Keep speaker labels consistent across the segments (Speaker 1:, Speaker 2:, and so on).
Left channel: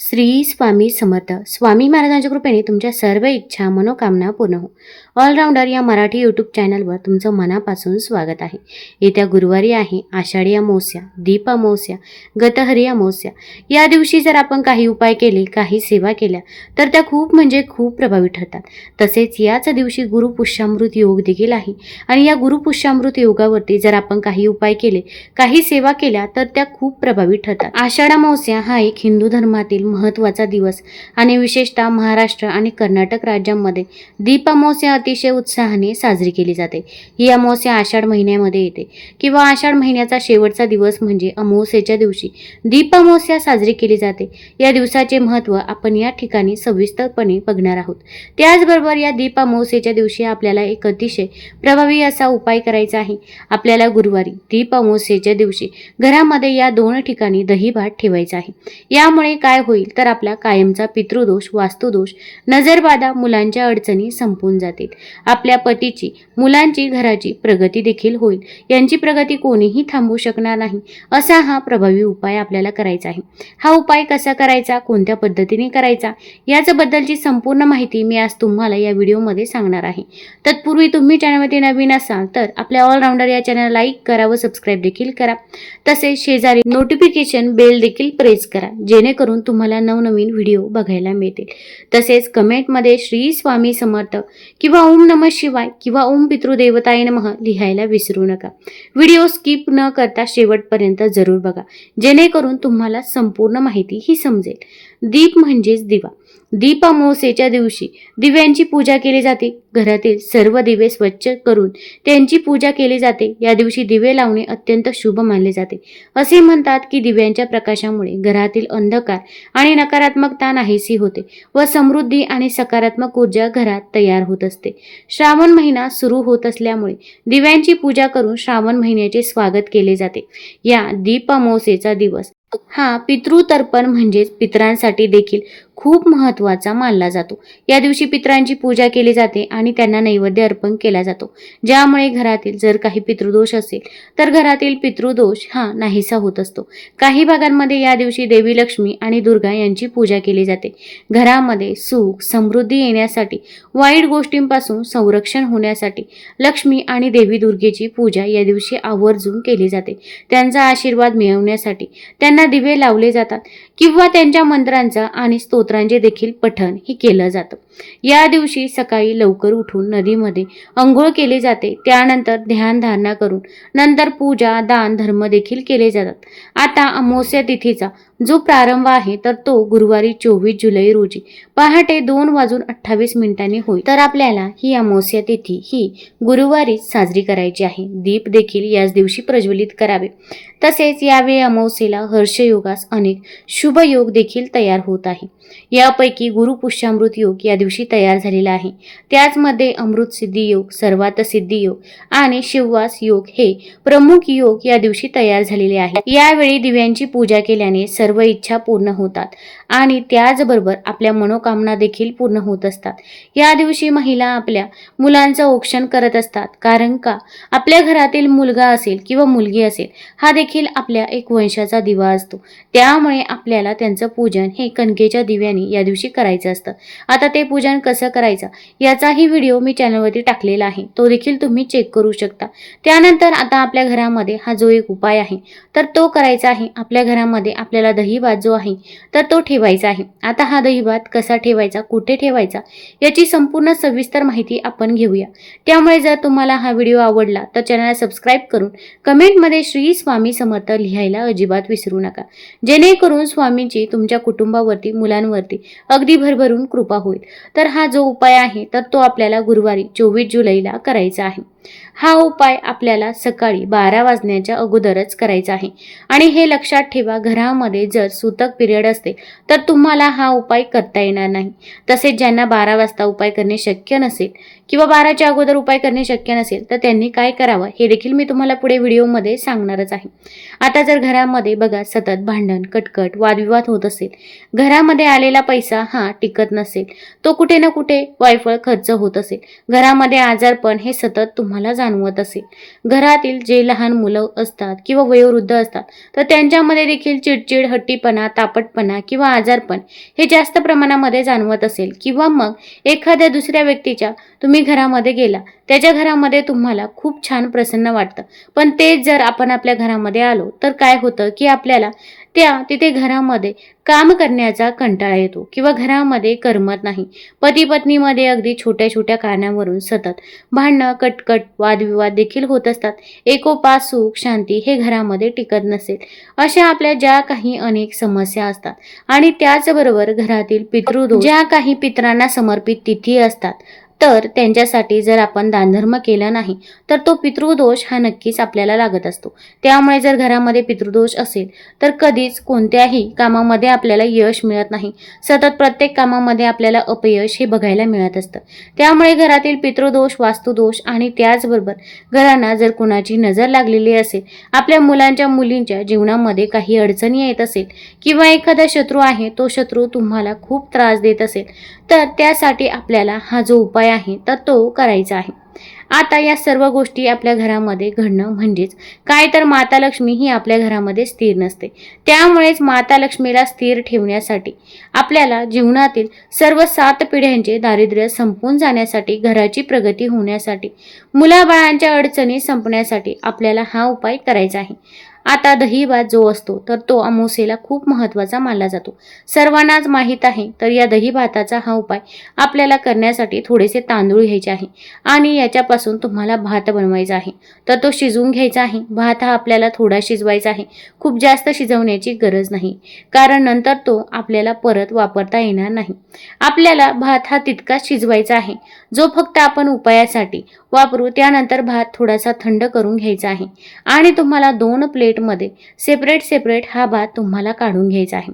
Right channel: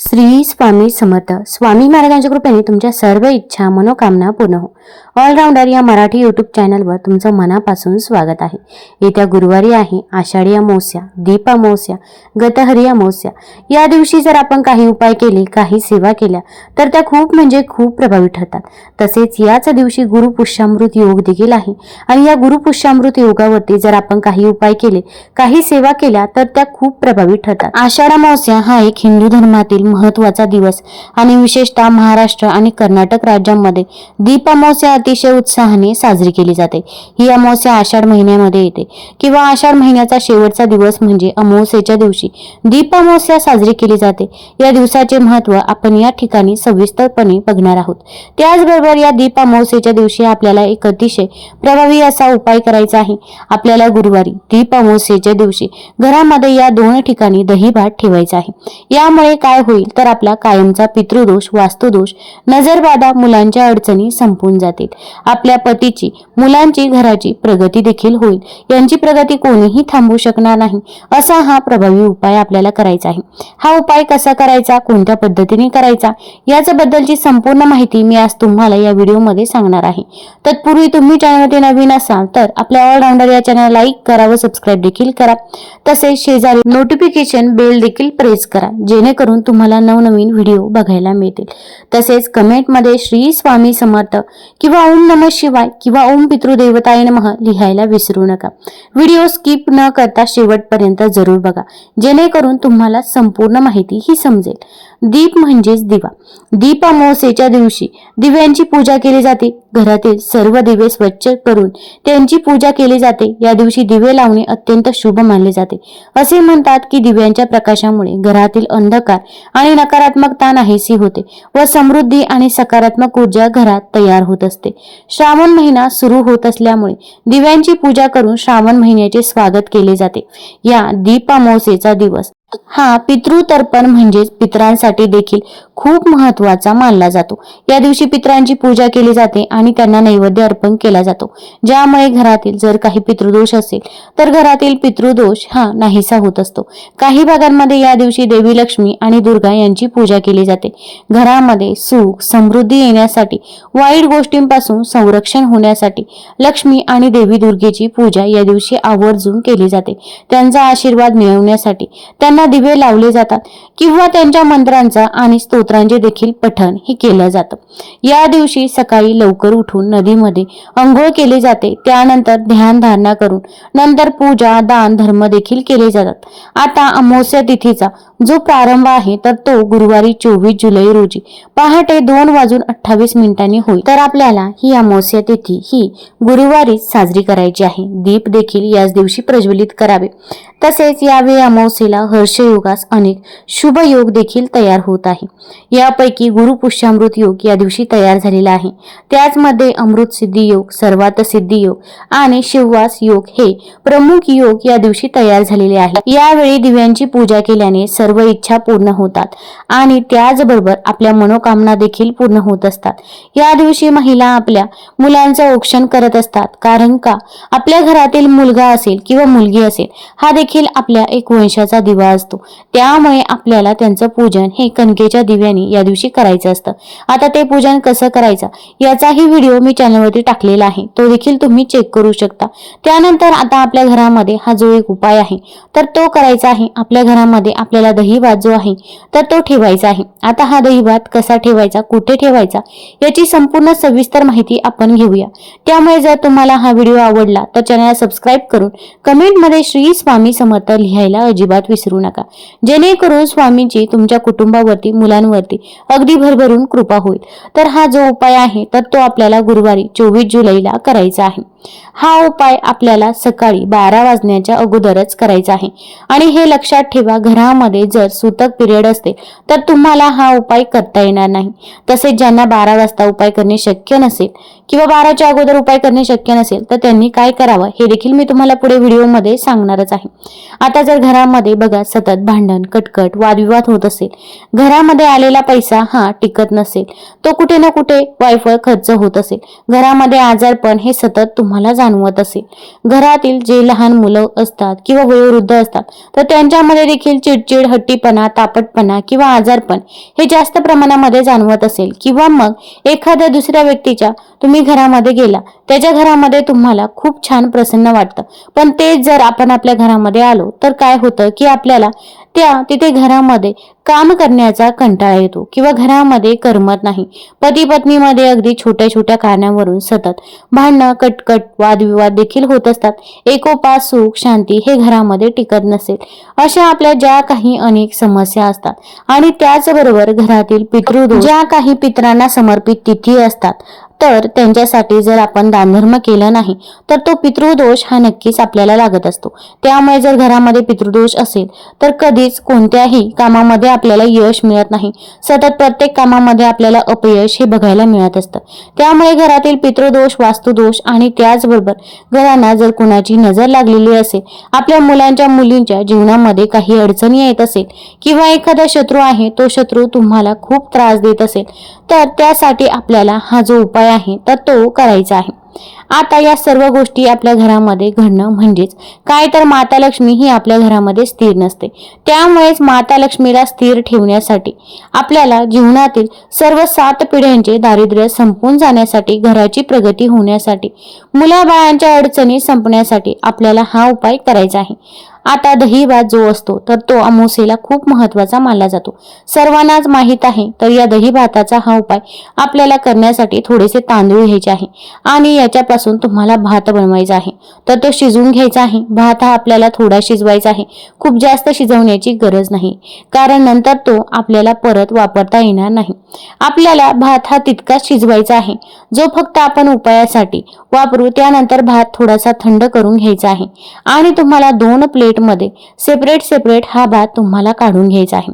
Speaker 1: श्री स्वामी समर्थ. स्वामी महाराजांच्या कृपेने तुमच्या सर्व इच्छा मनोकामना पूर्ण हो. ऑलराऊंडर या मराठी यूट्यूब चॅनलवर तुमचं मनापासून स्वागत आहे. येत्या गुरुवारी आहे आषाढी अमावस्या दीप अमावस्या गतहरी अमावस्या. या दिवशी जर आपण काही उपाय केले काही सेवा केल्या तर त्या खूप म्हणजे खूप प्रभावी ठरतात. तसेच याच दिवशी गुरुपुष्यामृत योग देखील आहे. आणि या गुरुपुष्यामृत योगावरती जर आपण काही उपाय केले काही सेवा केल्या तर त्या खूप प्रभावी ठरतात. आषाढ अमावस्या हा एक हिंदू धर्मातील महत्त्वाचा दिवस. आणि विशेषतः महाराष्ट्र आणि कर्नाटक राज्यांमध्ये दीप अमावस्या अतिशय उत्साहाने साजरी केली जाते. ही अमावस्या आषाढ महिन्यामध्ये येते. किंवा आषाढ महिन्याचा शेवटचा दिवस म्हणजे अमावस्येच्या दिवशी दीप अमावस्या साजरी केली जाते. या दिवसाचे महत्त्व आपण या ठिकाणी सविस्तरपणे बघणार आहोत. त्याचबरोबर या दीप अमावस्येच्या दिवशी आपल्याला एक अतिशय प्रभावी असा उपाय करायचा आहे. आपल्याला गुरुवारी दीप अमावस्येच्या दिवशी घरामध्ये या दोन ठिकाणी दही भात ठेवायचा आहे. यामुळे काय होईल तर आपला कायमचा पितृदोष वास्तुदोष नजरबाधा मुलांच्या अडचणी संपून जातील. आपल्या पतीची मुलांची घराची प्रगती देखील होईल. यांची प्रगती कोणीही थांबवू शकणार नाही. असा हा प्रभावी उपाय आपल्याला करायचा आहे. हा उपाय कसा करायचा? कोणत्या पद्धतीने करायचा? याच्याबद्दलची संपूर्ण माहिती मी आज तुम्हाला या व्हिडिओमध्ये सांगणार आहे. तत्पूर्वी तुम्ही चॅनलवरती नवीन असाल तर आपल्या ऑलराऊंडर या चॅनल लाईक करा व सबस्क्राईब देखील करा. तसेच शेजारी नोटिफिकेशन बेल देखील प्रेस करा. जेणेकरून तुम्हाला नवनवीन व्हिडिओ बघायला मिळतील. तसेच कमेंटमध्ये श्री स्वामी समर्थ किंवा ओम नम शिवाय किंवा ओम पितृदेवताय नमः लिहायला विसरू नका. व्हिडिओ स्किप न करता शेवटपर्यंत जरूर बघा. जेणेकरून तुम्हाला संपूर्ण माहिती ही समजेल. दीप म्हणजेच दिवा. दीप अमावस्येच्या दिवशी दिव्यांची पूजा केली जाते. घरातील सर्व दिवे स्वच्छ करून त्यांची पूजा केली जाते. या दिवशी दिवे लावणे अत्यंत शुभ मानले जाते. असे म्हणतात की दिव्यांच्या प्रकाशामुळे घरातील अंधकार आणि नकारात्मकता नाहीशी होते व समृद्धी आणि सकारात्मक ऊर्जा घरात तयार होत असते. श्रावण महिना सुरू होत असल्यामुळे दिव्यांची पूजा करून श्रावण महिन्याचे स्वागत केले जाते. या दीप दिवस हा पितृतर्पण म्हणजेच पितरांसाठी देखील खूप महत्त्वाचा मानला जातो. या दिवशी पितरांची पूजा केली जाते आणि त्यांना नैवेद्य अर्पण केला जातो. ज्यामुळे घरातील जर काही पितृदोष असेल तर घरातील पितृदोष हा नाहीसा होत असतो. काही भागांमध्ये या दिवशी देवी लक्ष्मी आणि दुर्गा यांची पूजा केली जाते. घरामध्ये सुख समृद्धी येण्यासाठी वाईट गोष्टींपासून संरक्षण होण्यासाठी लक्ष्मी आणि देवी दुर्गेची पूजा या दिवशी आवर्जून केली जाते. त्यांचा आशीर्वाद मिळवण्यासाठी त्यांना दिवे लावले जातात किंवा त्यांच्या मंत्रांचा आणि स्तोत्र स्तोत्रांचे देखील पठण हे केलं जातं. या दिवशी सकाळी लवकर उठून नदीमध्ये अंघोळ केली जाते. त्यानंतर ध्यानधारणा करून नंतर पूजा दान धर्म देखील केले जातात. आता अमावस्या तिथीचा जो प्रारंभ आहे तर तो गुरुवारी चोवीस जुलै रोजी पहाटे दोन वाजून अठ्ठावीस मिनिटांनी होईल. तर आपल्याला ही अमावस्या तिथी ही गुरुवारीच साजरी करायची आहे. दीप देखील याच दिवशी प्रज्वलित करावे. तसेच यावेळी अमावस्येला हर्षयोगास अनेक शुभ योग देखील तयार होत आहे. यापैकी गुरुपुष्यामृत योग या दिवशी तयार झालेला आहे. त्याचमध्ये अमृत सिद्धी योग सर्वात सिद्धी योग आणि शिववास योग हे प्रमुख योग या दिवशी तयार झालेले आहे. यावेळी दिव्यांची पूजा केल्याने सर्व इच्छा पूर्ण होतात आणि त्याचबरोबर आपल्या मनोकामना देखील पूर्ण होत असतात. या दिवशी महिला आपल्या मुलांचं औक्षण करत असतात कारण का? आपल्या घरातील मुलगा असेल किंवा मुलगी असेल हा देखील आपल्या एक वंशाचा दिवा असतो. त्यामुळे आपल्याला त्यांचं पूजन हे कणकेच्या दिव्याने या दिवशी करायचं असतं. आता ते पूजन कसं करायचं? याचाही व्हिडिओ मी चॅनलवरती टाकलेला आहे. तो देखील तुम्ही चेक करू शकता. त्यानंतर आता आपल्या घरामध्ये हा जो एक उपाय आहे तर तो करायचा आहे. आपल्या घरामध्ये आपल्याला दहीभात जो आहे तर तो ठेवायचा आहे. आता हा दहीभात कसा ठेवायचा कुठे ठेवायचा याची संपूर्ण सविस्तर माहिती आपण घेऊया. त्यामुळे जर तुम्हाला हा व्हिडिओ आवडला तर चॅनलला सबस्क्राईब करून कमेंटमध्ये श्री स्वामी समर्थ लिहायला अजिबात विसरू नका. जेणेकरून स्वामींची तुमच्या कुटुंबावरती मुलांवर मुलांवरती अगदी भरभरून कृपा होईल. तर हा जो उपाय आहे तर तो आपल्याला गुरुवारी चोवीस जुलैला करायचा आहे. हा उपाय आपल्याला सकाळी बारा वाजण्याच्या अगोदरच करायचा आहे. आणि हे लक्षात ठेवा घरामध्ये जर सुतक पिरियड असते तर तुम्हाला हा उपाय करता येणार नाही. तसेच ज्यांना बारा वाजता उपाय करणे शक्य नसेल किंवा बाराच्या अगोदर उपाय करणे शक्य नसेल तर त्यांनी काय करावं हे देखील मी तुम्हाला पुढे व्हिडिओमध्ये सांगणारच आहे. आता जर घरामध्ये बघा सतत भांडण कटकट वादविवाद होत असेल घरामध्ये आलेला पैसा हा टिकत नसेल तो कुठे ना कुठे वायफळ खर्च होत असेल. घरामध्ये आजारपण हे सतत तुम्हाला जाणवत असेल. घरातील जे लहान मुलं असतात किंवा वयोवृद्ध असतात तर त्यांच्यामध्ये देखील चिडचिड हट्टीपणा तापटपणा किंवा आजारपण हे जास्त प्रमाणामध्ये जाणवत असेल. किंवा मग एखाद्या दुसऱ्या व्यक्तीच्या तुम्ही घरामध्ये गेला त्याच्या घरामध्ये तुम्हाला खूप छान प्रसन्न वाटतं. पण तेच जर आपण आपल्या घरामध्ये आलो तर काय होतं की आपल्याला त्या तिथे घरामध्ये काम करण्याचा कंटाळा येतो किंवा घरामध्ये करमत नाही. पती पत्नीमध्ये अगदी छोट्या छोट्या कारणावरून सतत भांडणं कटकट वादविवाद देखील होत असतात. एकोपा सुख शांती हे घरामध्ये टिकत नसेल. अशा आपल्या ज्या काही अनेक समस्या असतात आणि त्याचबरोबर घरातील पितृ ज्या काही पितरांना समर्पित तिथी असतात तर त्यांच्यासाठी जर आपण दानधर्म केला नाही तर तो पितृदोष हा नक्कीच आपल्याला लागत असतो. त्यामुळे जर घरामध्ये पितृदोष असेल तर कधीच कोणत्याही कामामध्ये आपल्याला यश मिळत नाही. सतत प्रत्येक कामामध्ये आपल्याला अपयश हे बघायला मिळत असतं. त्यामुळे घरातील पितृदोष वास्तुदोष आणि त्याचबरोबर घरांना जर कुणाची नजर लागलेली असेल आपल्या मुलांच्या मुलींच्या जीवनामध्ये काही अडचणी येत असेल किंवा एखादा शत्रू आहे तो शत्रू तुम्हाला खूप त्रास देत असेल तर त्यासाठी आपल्याला हा जो उपाय आहे तर तो करायचा आहे. आता या सर्व गोष्टी आपल्या घरामध्ये घडणं म्हणजेच काय तर माता लक्ष्मी ही आपल्या घरामध्ये स्थिर नसते. त्यामुळेच माता लक्ष्मीला स्थिर ठेवण्यासाठी आपल्याला जीवनातील सर्व सात पिढ्यांचे दारिद्र्य संपून जाण्यासाठी घराची प्रगती होण्यासाठी मुलाबाळांच्या अडचणी संपण्यासाठी आपल्याला हा उपाय करायचा आहे. आता दही भात जो असतो तर तो अमोसेला खूप महत्त्वाचा मानला जातो. सर्वांनाच माहीत आहे तर या दही भाताचा हा उपाय आपल्याला करण्यासाठी थोडेसे तांदूळ घ्यायचे आहे आणि याच्यापासून तुम्हाला भात बनवायचा आहे. तर तो शिजवून घ्यायचा आहे. भात हा आपल्याला थोडा शिजवायचा आहे. खूप जास्त शिजवण्याची गरज नाही कारण नंतर तो आपल्याला परत वापरता येणार नाही. आपल्याला भात हा तितकाच शिजवायचा आहे. जो फक्त आपण उपायासाठी वापरू त्यानंतर भात थोडासा थंड करून घ्यायचा आहे. आणि तुम्हाला दोन प्लेट प्लेटमध्ये सेपरेट सेपरेट हा भात तुम्हाला काढून घ्यायचा आहे.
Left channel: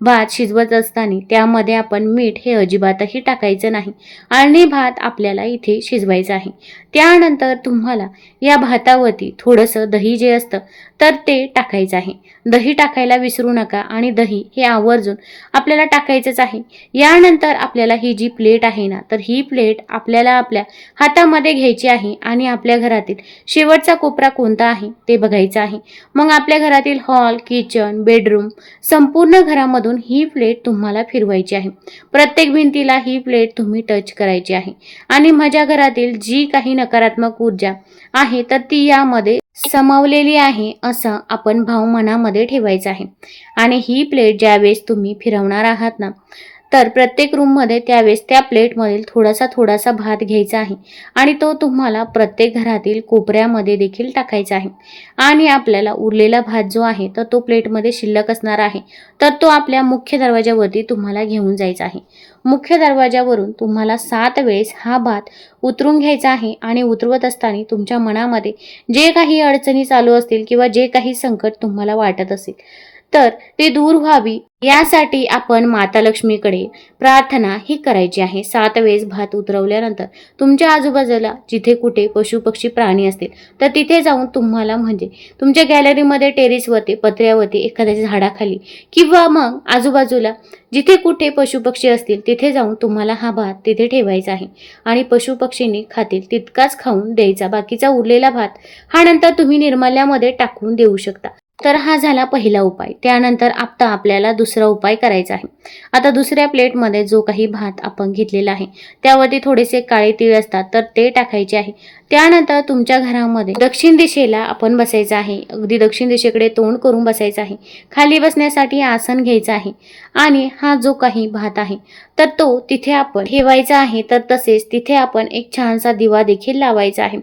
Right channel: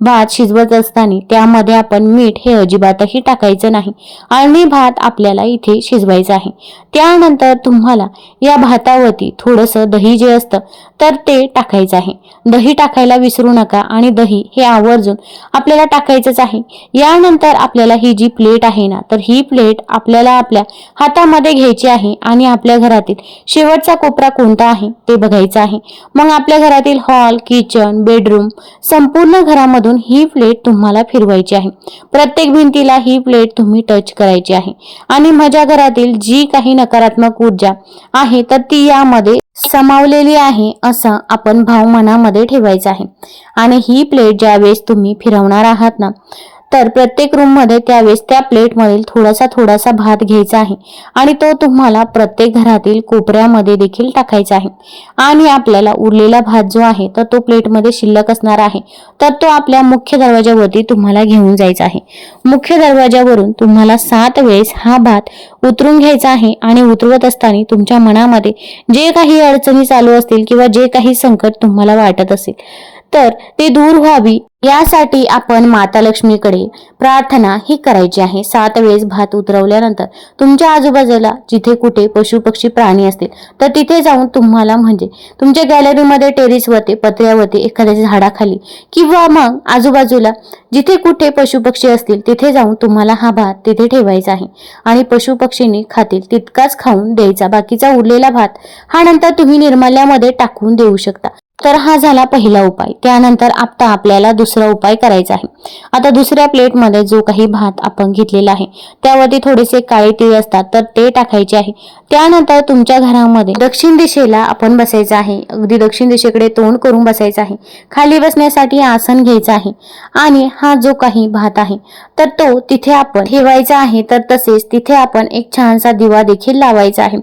Speaker 1: भात शिजवत असताना त्यामध्ये आपण मीठ हे अजिबातही टाकायचं नाही. आणि भात आपल्याला इथे शिजवायचा आहे. त्यानंतर तुम्हाला या भातावरती थोडंसं दही जे असतं तर ते टाकायचं आहे. दही टाकायला विसरू नका आणि दही हे आवर्जून आपल्याला टाकायचंच आहे. यानंतर आपल्याला ही जी प्लेट आहे ना तर ही प्लेट आपल्याला आपल्या हातामध्ये घ्यायची आहे आणि आपल्या घरातील शेवटचा कोपरा कोणता आहे ते बघायचं आहे. मग आपल्या घरातील हॉल किचन बेडरूम संपूर्ण घरामधून ही प्लेट तुम्हाला फिरवायची आहे. प्रत्येक भिंतीला ही प्लेट तुम्ही टच करायची आहे. आणि माझ्या घरातील जी काही नकारात्मक ऊर्जा आहे तर ती यामध्ये समावलेली आहे असं आपण भाव मनामध्ये ठेवायचा आहे. आणि ही प्लेट ज्यावेळेस तुम्ही फिरवणार आहात ना तर प्रत्येक रूममध्ये त्यावेळेस त्या प्लेटमधील थोडासा थोडासा भात घ्यायचा आहे. आणि तो तुम्हाला प्रत्येक घरातील कोपऱ्यामध्ये देखील टाकायचा आहे. आणि आपल्याला उरलेला भात जो आहे तर तो प्लेटमध्ये शिल्लक असणार आहे. तर तो आपल्या मुख्य दरवाजावरती तुम्हाला घेऊन जायचा आहे. मुख्य दरवाजावरून तुम्हाला सात वेळेस हा भात उतरून घ्यायचा आहे आणि उतरवत असताना तुमच्या मनामध्ये जे काही अडचणी चालू असतील किंवा जे काही संकट तुम्हाला वाटत असेल तर ती दूर व्हावी यासाठी आपण माता लक्ष्मीकडे प्रार्थना ही करायची आहे. सात वेळेस भात उतरवल्यानंतर तुमच्या आजूबाजूला जिथे कुठे पशु पक्षी प्राणी असतील तर तिथे जाऊन तुम्हाला म्हणजे तुमच्या गॅलरीमध्ये टेरिसवरती पत्र्यावरती एखाद्या झाडाखाली किंवा मग आजूबाजूला जिथे कुठे पशु पक्षी असतील तिथे जाऊन तुम्हाला हा भात तिथे ठेवायचा आहे. आणि पशु पक्षींनी खातील तितकाच खाऊन द्यायचा. बाकीचा उरलेला भात हा नंतर तुम्ही निर्माल्यामध्ये टाकून देऊ शकता. तर हा झाला पहिला उपाय. त्यानंतर आता आपल्याला दुसरा उपाय करायचा आहे. आता दुसऱ्या प्लेटमध्ये जो काही भात आपण घेतलेला आहे त्यावरती थोडेसे काळे तीळ असतात तर ते टाकायचे आहे. त्यानंतर तुमच्या घरामध्ये दक्षिण दिशेला आपण बसायचं आहे. अगदी दक्षिण दिशेकडे तोंड करून बसायचं आहे. खाली बसण्यासाठी आसन घ्यायचं आहे. आणि हा जो काही भात आहे तर तो तिथे आपण ठेवायचा आहे. तर तसेच तिथे आपण एक छानसा दिवा देखील लावायचा आहे.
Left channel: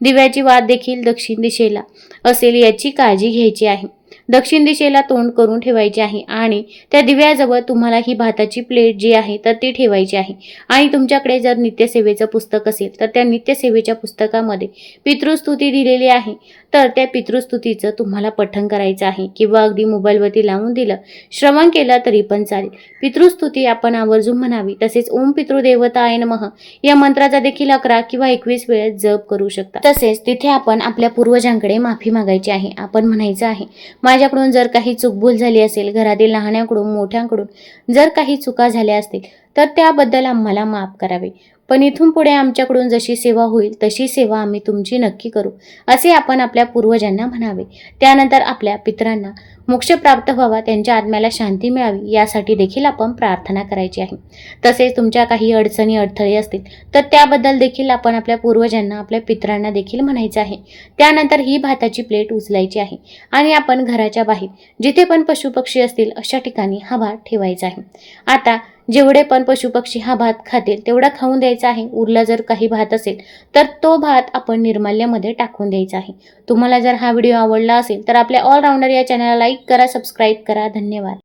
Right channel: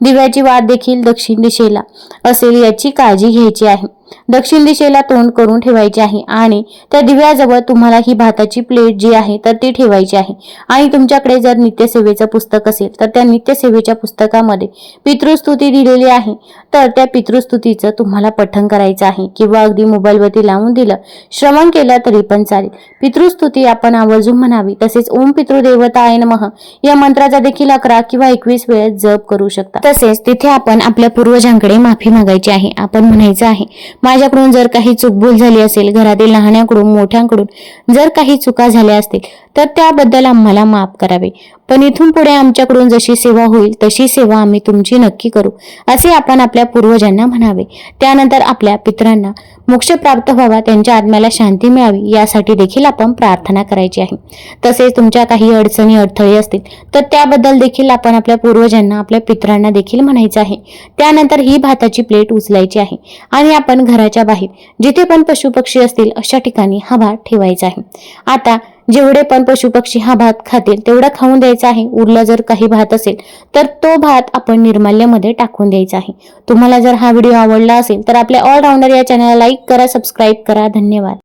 Speaker 1: दिव्याची वाद देखील दक्षिण दिशेला असेल याची काळजी घ्यायची आहे. दक्षिण दिशेला तोंड करून ठेवायचे आहे आणि त्या दिव्याजवळ तुम्हाला ही भाताची प्लेट जी आहे तर ती ठेवायची आहे. आणि तुमच्याकडे जर नित्यसेवेचं पुस्तक असेल तर त्या नित्यसेवेच्या पुस्तकामध्ये पितृस्तुती दिलेली आहे. तर त्या पितृस्तुतीचं तुम्हाला पठण करायचं आहे किंवा अगदी मोबाईलवरती लावून दिलं श्रवण केलं तरी पण चालेल. पितृस्तुती आपण आवर्जून म्हणावी तसेच ओम पितृदेवता आय नमः या मंत्राचा देखील अकरा किंवा एकवीस वेळेस जप करू शकता. तसेच तिथे आपण आपल्या पूर्वजांकडे माफी मागायची आहे. आपण म्हणायचं आहे माझ्याकडून जर काही चूकभूल झाली असेल घरातील लहान्याकडून मोठ्यांकडून जर काही चुका झाल्या असतील तर त्याबद्दल आम्हाला माफ करावे. पण इथून पुढे आमच्याकडून जशी सेवा होईल तशी सेवा आम्ही तुमची नक्की करू असे आपण आपल्या पूर्वजांना म्हणावे. त्यानंतर आपल्या पितरांना मोक्ष प्राप्त व्हावा त्यांच्या आत्म्याला शांती मिळावी यासाठी देखील आपण प्रार्थना करायची आहे. तसेच तुमच्या काही अडचणी अडथळे असतील तर त्याबद्दल देखील आपण आपल्या पूर्वजांना आपल्या पितरांना देखील म्हणायचं आहे. त्यानंतर ही भाताची प्लेट उचलायची आहे आणि आपण घराच्या बाहेर जिथे पण पशुपक्षी असतील अशा ठिकाणी हा भात ठेवायचा आहे. आता जेवढे पण पशुपक्षी हा भात खातील तेवढा खाऊन द्यायचा आहे. उरला जर काही भात असेल तर तो भात आपण निर्माल्यामध्ये टाकून द्यायचा आहे. तुम्हाला जर हा व्हिडिओ आवडला असेल तर आपल्या ऑलराऊंडर या चॅनलला लाईक करा सबस्क्राईब करा. धन्यवाद.